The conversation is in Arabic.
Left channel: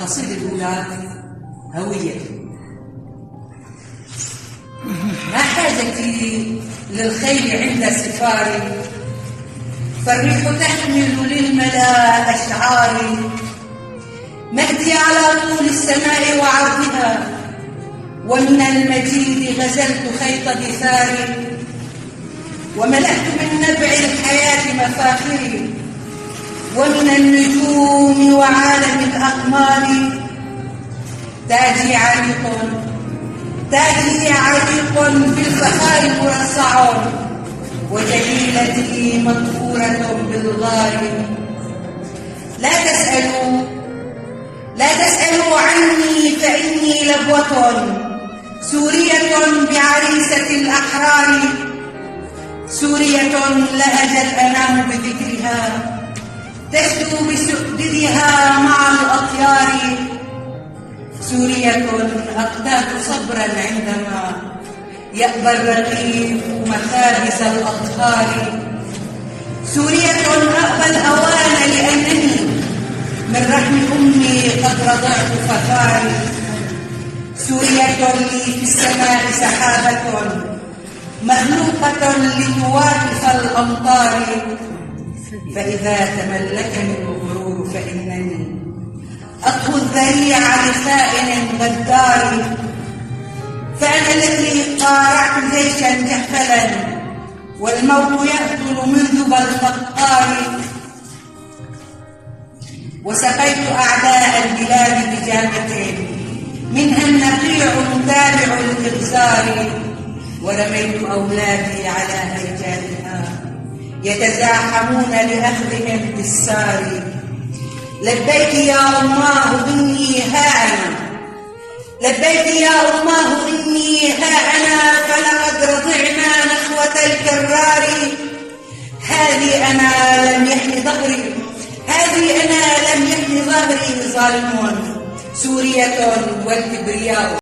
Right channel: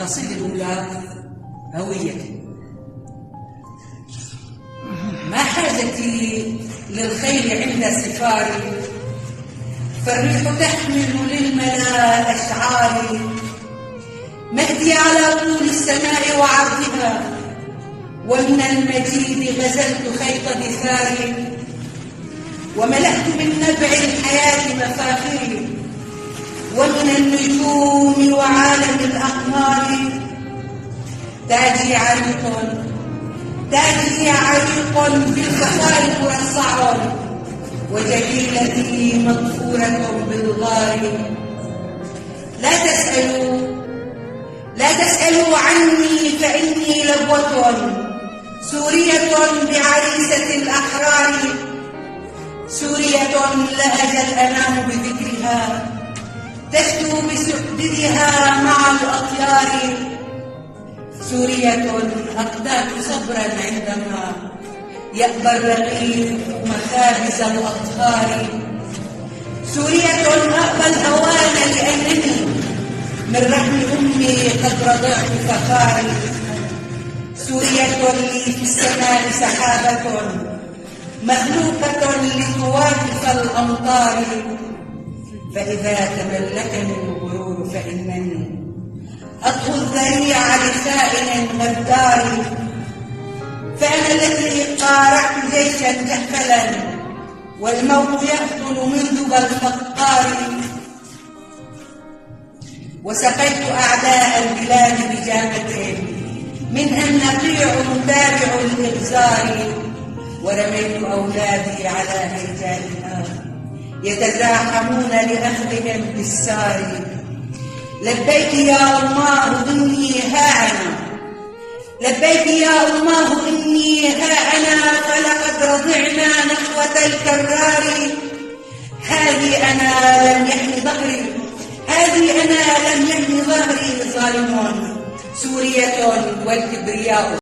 القصيدة الأولى هويتي. ما حاجتي للخيل عند سفاري، فالريح تحمل للملا أشعاري. مهدي على طول السماء وعرضها، ومن المجيد غزلت خيط دثاري. وملأت بالنبع الحياة مفاخري، ومن النجوم وعالم الأقمار. تاجي عريق بالفخار والسعر، وجميلتي مغفورة بالغار. لا تسألوا عني فإني لبوة سورية بعريسة الأحرار. سورية لا أزل أنام بذكرها، تشكو بسؤددها مع الأطيار. سورية أقتات صبرا عندما يقبل الرقيق مخابز الأطفال. سورية أقبل هوان لأنني من رحم أمي قد رضعت فخاري. سورية لي في السماء سحابة مهلوكة لتواقف الأمطار. فإذا تملكني الغرور فإنني أطهو الذريع لخائن غدار. فأنا التي قارعت جيشا جحفلا، والموت يأكل منذ الفقار. وسقيت أعداء البلاد بجامة منها النقيع متابع الإغزار. ورميت أولادي على هيجانها يتزاحمون لأخذهم بالسار. لبيك يا الله إني ها أنا، لبيك يا الله إني ها أنا، فلقد رضعنا نخوة الكرار. هذه أنا لم يحن ظهري، هذه أنا لم يحن ظهري ظالمون. سورية والكبرياء